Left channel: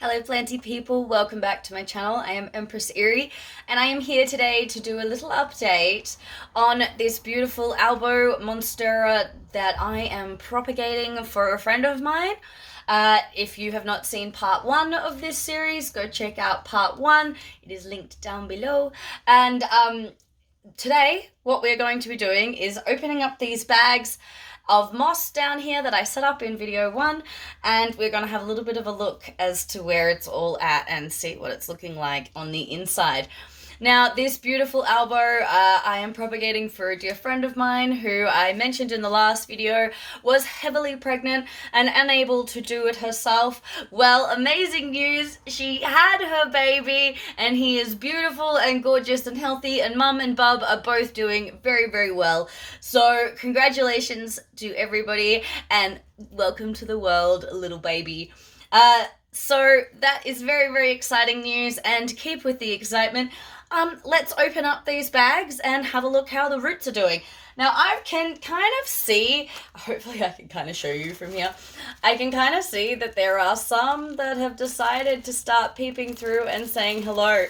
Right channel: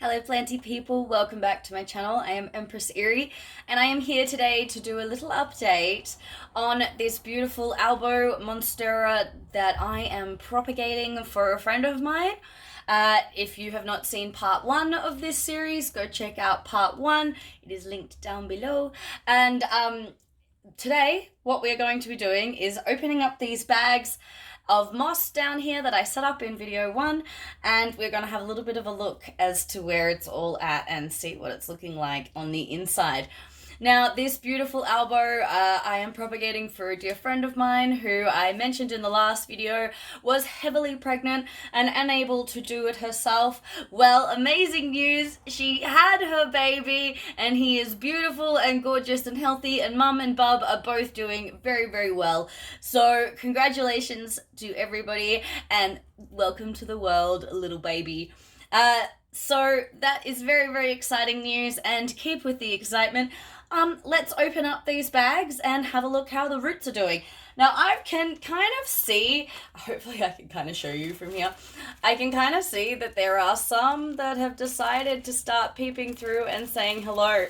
Hello planty people, welcome back to my channel. I am Empress Erie and I am here today to do a little update on this beautiful Albo Monstera that I am propagating for a friend of mine. If you have not seen part 1 of this series, go check out part 1. It is linked down below. And today what we're going to be doing is opening up these bags of moss down here that I set up in video 1, and we're going to have a little bit of a look as to where it's all at and see what it's looking like on the inside. Now, this beautiful Albo, I am propagating for a dear friend of mine who I mentioned in the last video was heavily pregnant and unable to do it herself. Well, amazing news, she had her baby and he is beautiful and gorgeous and healthy, and Mum and Bub are both doing very, very well. So congratulations to everybody and welcome to the world, little baby. So that is very, very exciting news, and to keep with the excitement, let's open up these bags and have a look how the roots are doing. Now I can kind of see, hopefully I can kind of show you from here, I can kind of see that there are some that have decided to start peeping through and saying hello.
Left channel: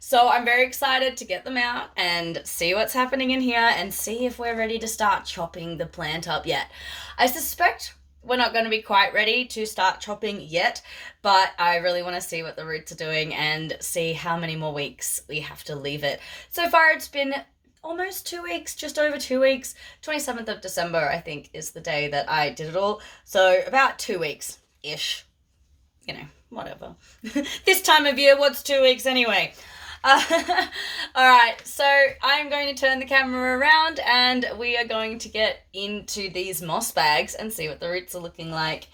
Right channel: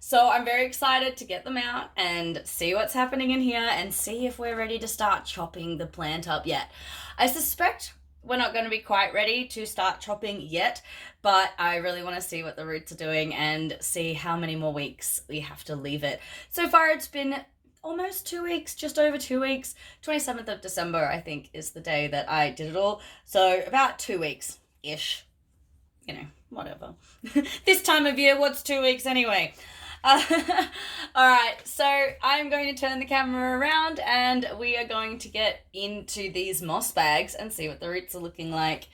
So I'm very excited to get them out and see what's happening in here and see if we're ready to start chopping the plant up yet. I suspect we're not going to be quite ready to start chopping yet, but I really want to see what the roots are doing and see how many more weeks we have to leave it. So far it's been almost 2 weeks, just over 2 weeks. 27th of December, I think, is the day that I did it all. So about 2 weeks-ish. You know, whatever. This time of year, what's 2 weeks anyway? Alright, so I'm going to turn the camera around and we are going to get into these moss bags and see what the roots are looking like.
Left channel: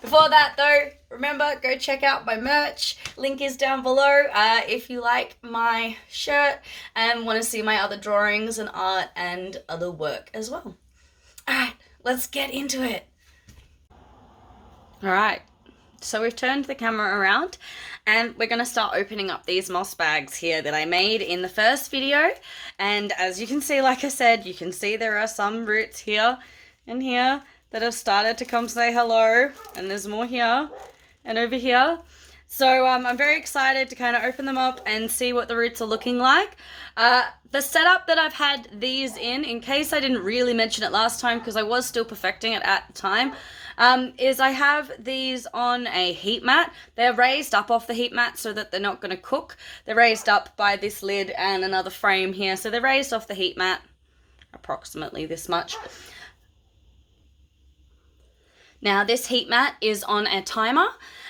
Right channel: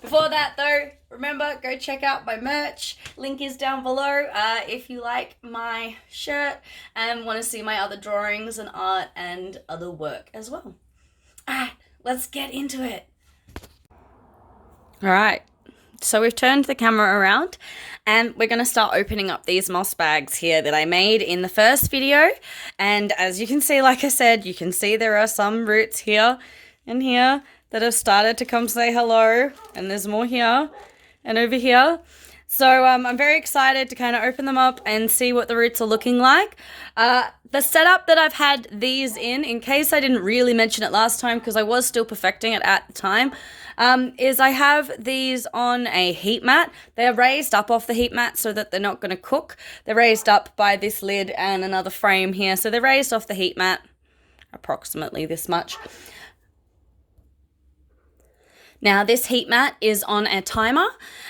Before that though, remember, go check out my merch. Link is down below if you like my shirt and want to see my other drawings and art and other work as well. Alright, let's get into it. Alright. So we've turned the camera around and we're going to start opening up these moss bags here that I made in the first video. And as you can see, like I said, you can see there are some roots here and here that have started to come say hello. And there's more here and over here. So I'm very excited to kind of open them up and see what the roots are looking like. The setup that I've had these in case I didn't really mention it last time because I was still perfecting it at the time, is I have these on a heat mat. They're raised up off the heat mat so that they're not going to cook. They're raised up by this lid and another frame here. So they're raised off the heat mat, approximately this much. Now this heat mat is on a timer,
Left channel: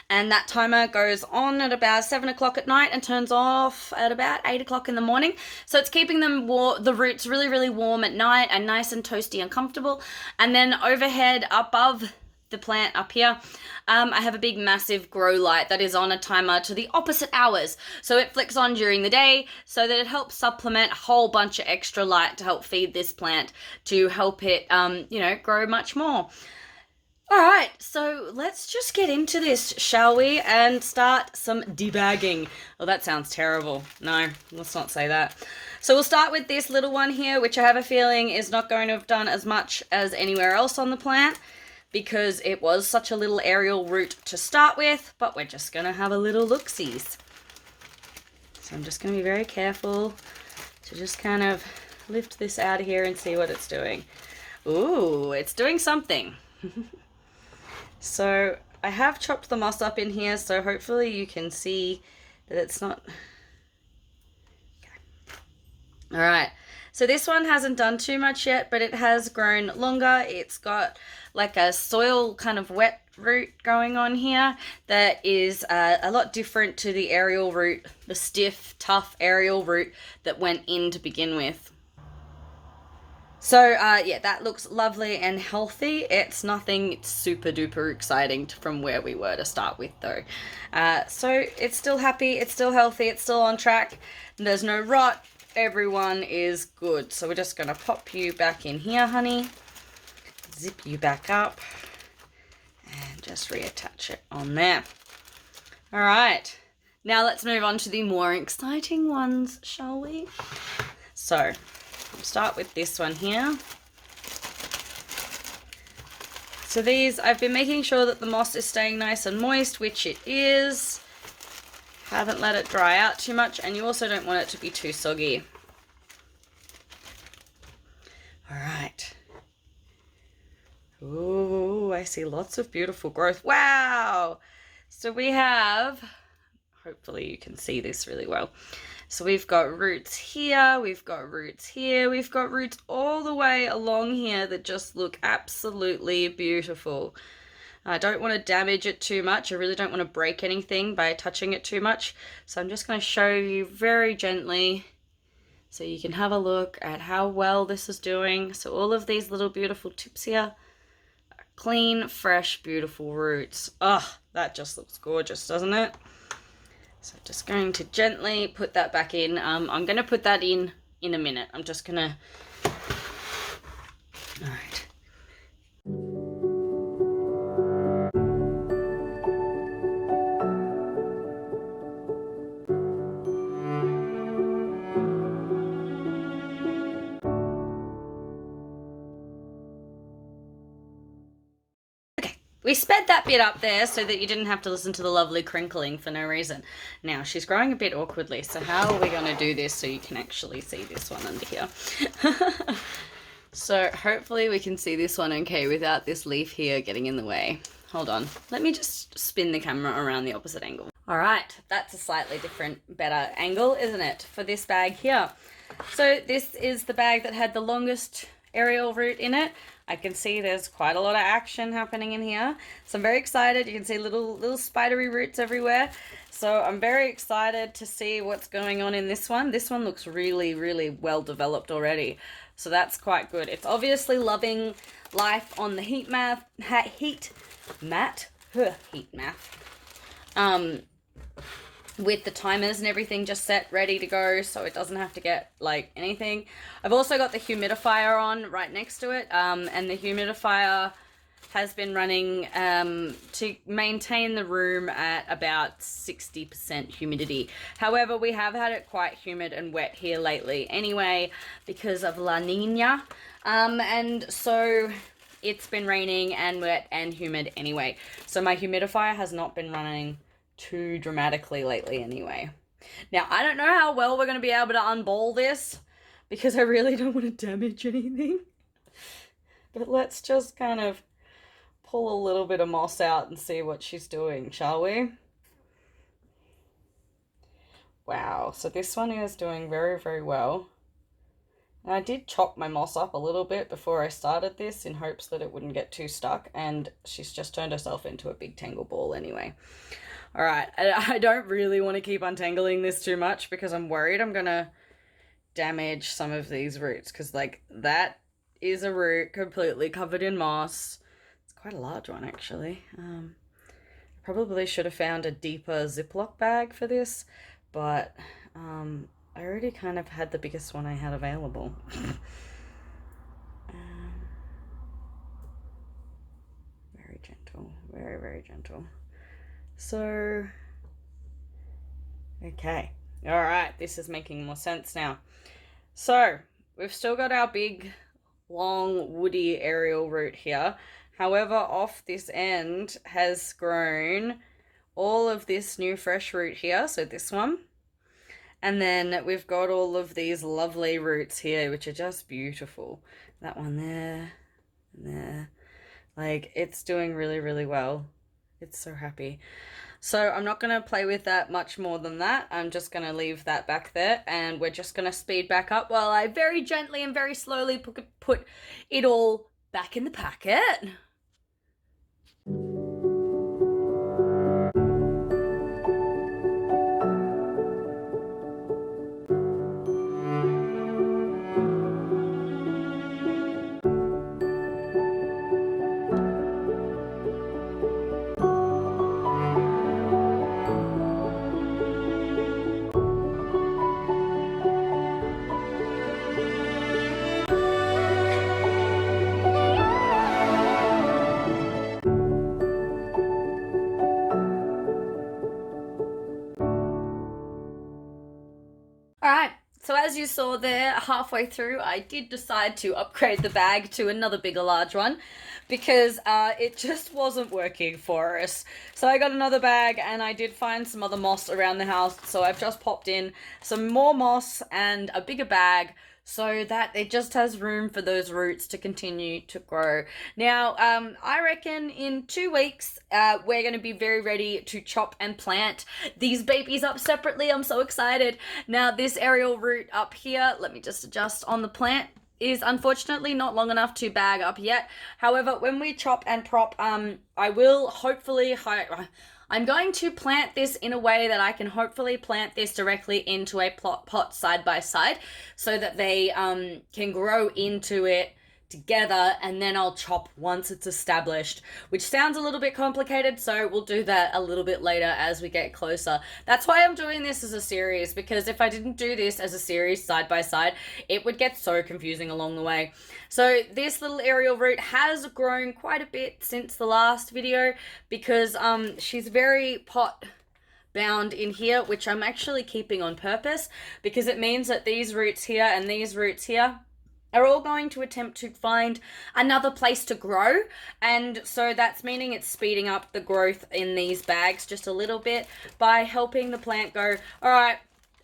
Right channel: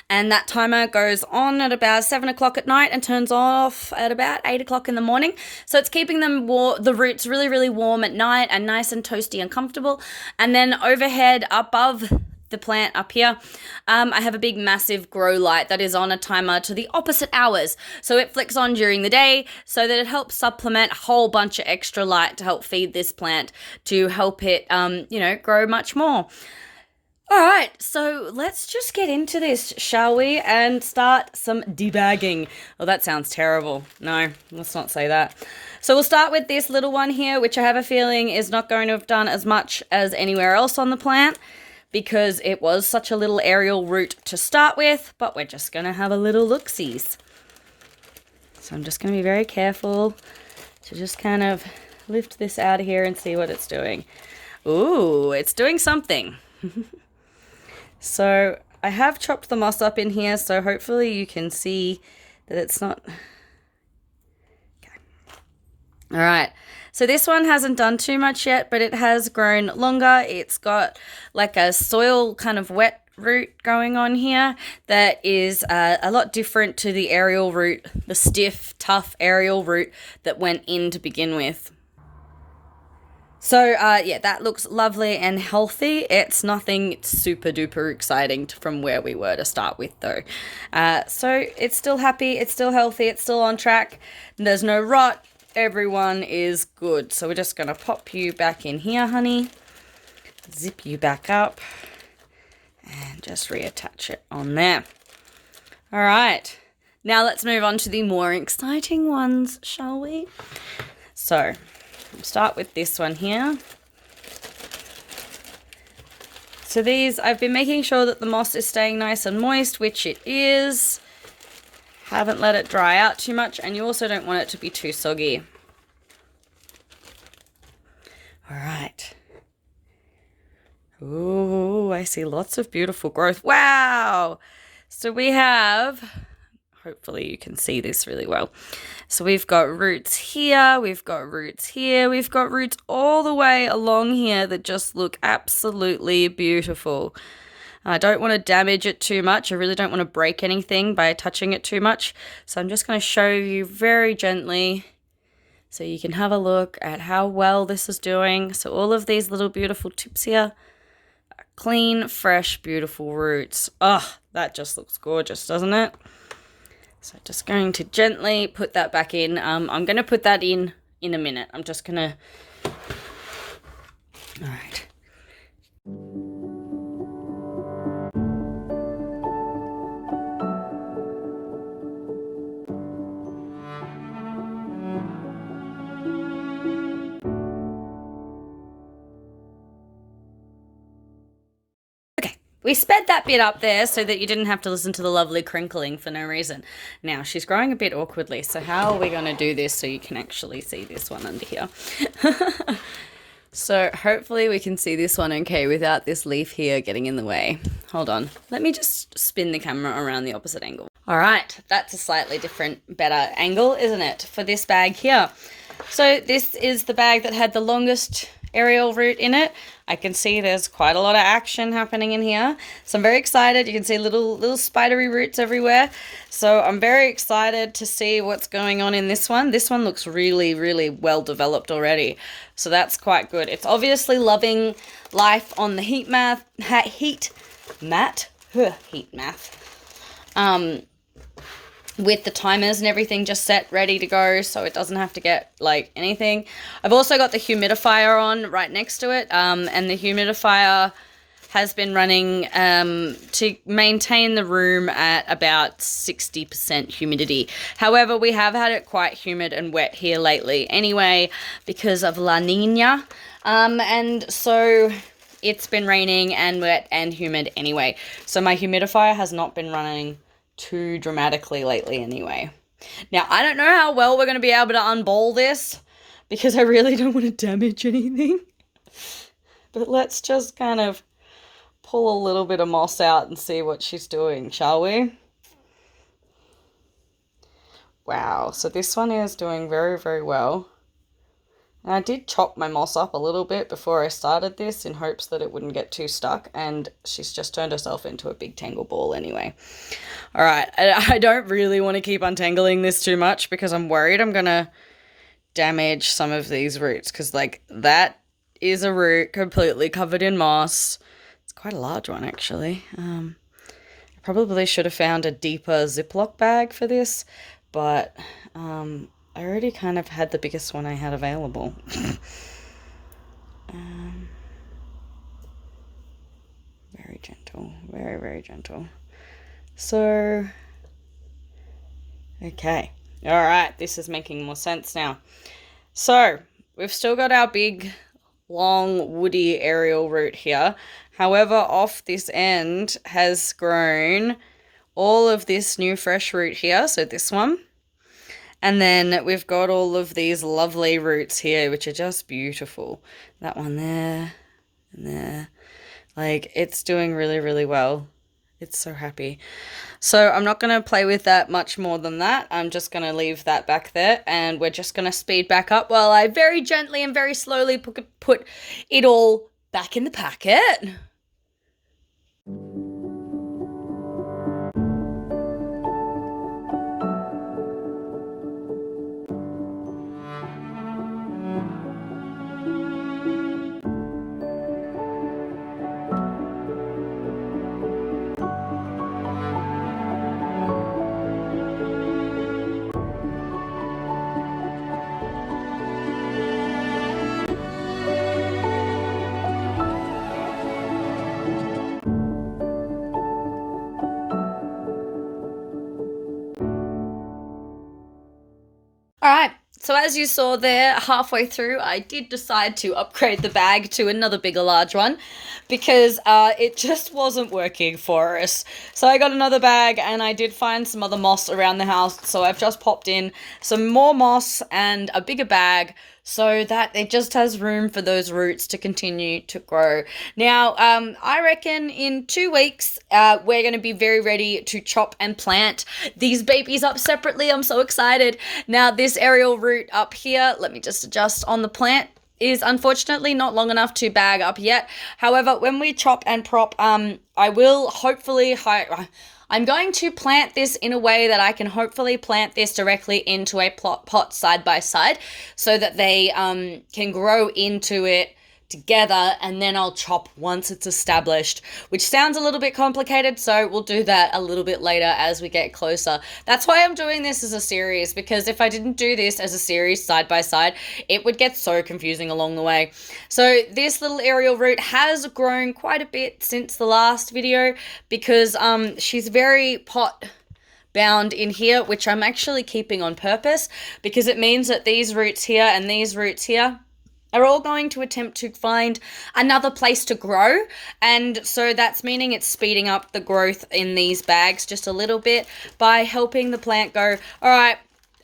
and that timer goes on at about 7 o'clock at night and turns off at about 8 o'clock in the morning. So it's keeping them the roots really, really warm at night and nice and toasty and comfortable. And then overhead above the plant up here, I have a big massive grow light that is on a timer to the opposite hours. So it flicks on during the day so that it helps supplement a whole bunch of extra light to help feed this plant to help it, grow much more. All right, so let's just get into this, shall we? And start some debagging. Oh, that sounds terrible. No, let's not say that. So we'll start with this little one here, which I have a feeling is not going to have done as much as anywhere else on the plant because it was such a little aerial root to start with, but we're just going to have a little look-sees. So I'm just going to be very careful to just kind of lift this out of here and see what it's doing. Ooh, it's doing something. So I have chopped the moss up in here, so hopefully you can see that it's not... Okay. All right, so this one hasn't done too much yet, but it has grown longer. It's got like a soil kind of wet root going on here that is a lot different to the aerial root, the stiff, tough aerial root that went in to begin with. So, yeah, that looks lovely and healthy. It's nothing super duper exciting from where we were to start with, though. So it's still happy, it's still healthy, it's still on track. There's no rot. Everyone is good. So we're just going to pop you back in here, honey. Zip you back up. And just reattach it on there. All right. Now let's move on to the more exciting ones, shall we? So... we'll start with this one here. So these, I've been making sure that the moss is staying nice and moist, which it is. Haven't let it dry out too much, and you also don't want it to be too soggy. All right. Ooh, I see lots of beautiful growth. Wow! So we have, hopefully you can see this really well. So we've got roots here, we've got roots here, we've got roots all the way along here that just look absolutely beautiful. I don't want to damage it too much. I really don't want to break anything by touching it too much. So I'm just going to show you very gently so you can have a look at how well this is doing. So all of these little beautiful tips here are clean, fresh, beautiful roots. Oh, that just looks gorgeous, doesn't it? So just going to gently put that back in. I'm going to put that in a minute. I'm just going to... All right. We sped that bit up there so that you didn't have to listen to the lovely crinkling for no reason. Now, she's growing a bit awkwardly, so how are we going to do this so you can actually see this one under here? So hopefully we can see this one okay without this leaf here getting in the way. Hold on. Let me just spin the camera around the opposite angle. All right, that's a slightly different, better angle, isn't it, for this bag here? So this is the bag that had the longest aerial root in it. I can see there's quite a lot of action happening in here. So I'm very excited. You can see little spidery roots everywhere. So I'm very excited to see what's going on in this one. This one looks really, really well developed already. So that's quite good. It's obviously loving life on the heat mat. With the timers and everything just set ready to go, so it doesn't have to get like anything. I've also got the humidifier on right next to it, and the humidifier has been running to maintain the room at about 60% humidity. However, we have had it quite humid and wet here lately anyway because of La Nina, and so it's been raining and wet and humid anyway. So my humidifier has not been running too dramatically lately anyway. Now, I don't know how well we're going to be able to unball this because I really don't want to damage anything. But let's just kind of pull a little bit of moss out and see what she's doing, shall we? Wow, so this one is doing very, very well. And I did chop my moss up a little bit before I started this in hopes that it wouldn't get too stuck, and she's just turned herself into a big tangle ball anyway. All right, I don't really want to keep untangling this too much because I'm worried I'm going to damage some of these roots because, like, that is a root completely covered in moss. It's quite a large one, actually. I probably should have found a deeper Ziploc bag for this, but I already kind of had the biggest one I had available. Very gentle, very, very gentle. So, okay. All right, this is making more sense now. So, we've still got our big, long, woody aerial root here. However, off this end has grown all of this new fresh root here, so this one. And then we've got all of these lovely roots here, which are just beautiful. That one there and there. Like, it's doing really, really well. It's so happy. So I'm not going to play with that much more than that. I'm just going to leave that back there, and we're just going to speed back up while I very gently and very slowly put it all back in the packet. So as you saw there, halfway through, I did decide to upgrade the bag to another bigger, large one because it just wasn't working for us. So I got another bag and I did find some other moss around the house. So I've just popped in some more moss and a bigger bag so that it just has room for those roots to continue to grow. Now, I reckon in 2 weeks, we're going to be very ready to chop and plant these babies up separately. I'm so excited. Now, this aerial root up here, let me just adjust on the plant, is unfortunately not long enough to bag up yet. However, when we chop and prop, I will hopefully I'm going to plant this in a way that I can hopefully plant this directly into a pot side by side so that they can grow into it together, and then I'll chop once it's established, which sounds a little bit complicated, so we'll do that a little bit later as we get closer. That's why I'm doing this as a series, because if I didn't do this as a series side by side, it would get so confusing along the way. So this little aerial root has grown quite a bit since the last video because she's very pot bound in here, which I'm actually keeping on purpose because it means that these roots here and these roots here are all going to attempt to find another place to grow. And so that's meaning it's speeding up the growth in these bags just a little bit by helping the plant go, all right,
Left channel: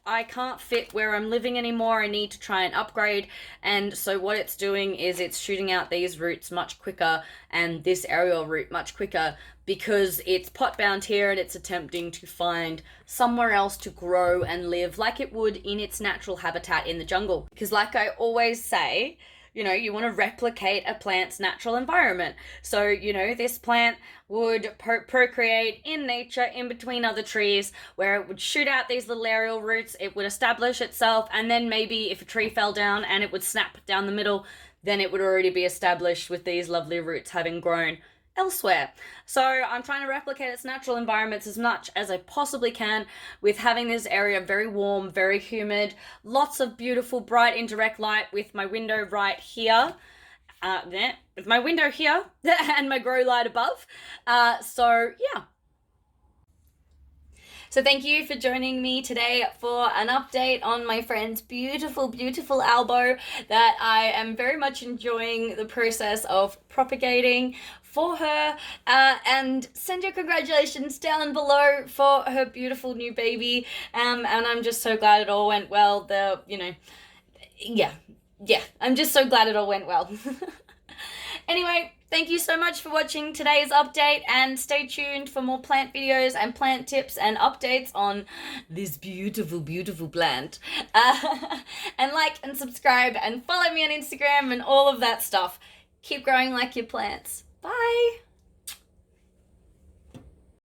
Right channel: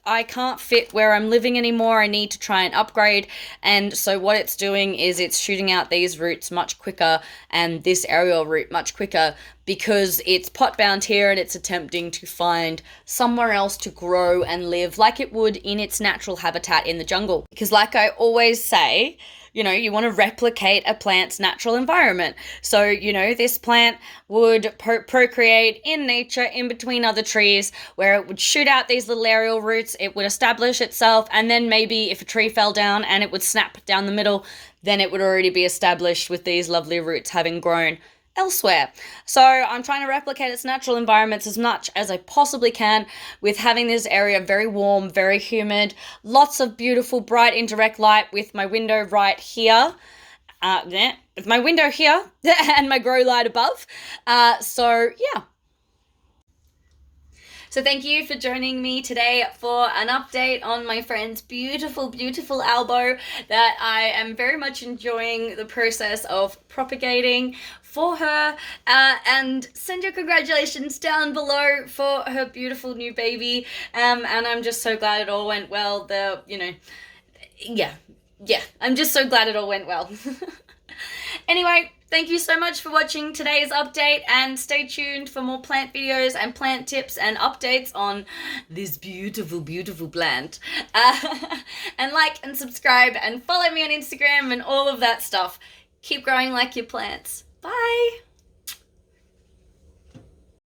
I can't fit where I'm living anymore. I need to try and upgrade. And so what it's doing is it's shooting out these roots much quicker and this aerial root much quicker because it's pot bound here and it's attempting to find somewhere else to grow and live like it would in its natural habitat in the jungle. Because like I always say, you know, you want to replicate a plant's natural environment. So, you know, this plant would procreate in nature in between other trees where it would shoot out these little aerial roots, it would establish itself, and then maybe if a tree fell down and it would snap down the middle, then it would already be established with these lovely roots having grown elsewhere. So I'm trying to replicate its natural environments as much as I possibly can with having this area very warm, very humid, lots of beautiful bright indirect light with my window right here. With my window here and my grow light above. So yeah. So thank you for joining me today for an update on my friend's beautiful, beautiful Albo that I am very much enjoying the process of propagating for her, and send your congratulations down below for her beautiful new baby. And I'm just so glad it all went well. I'm just so glad it all went well. Anyway, thank you so much for watching today's update, and stay tuned for more plant videos and plant tips and updates on this beautiful, beautiful plant. And like and subscribe and follow me on Instagram and all of that stuff. Keep growing like your plants. Bye!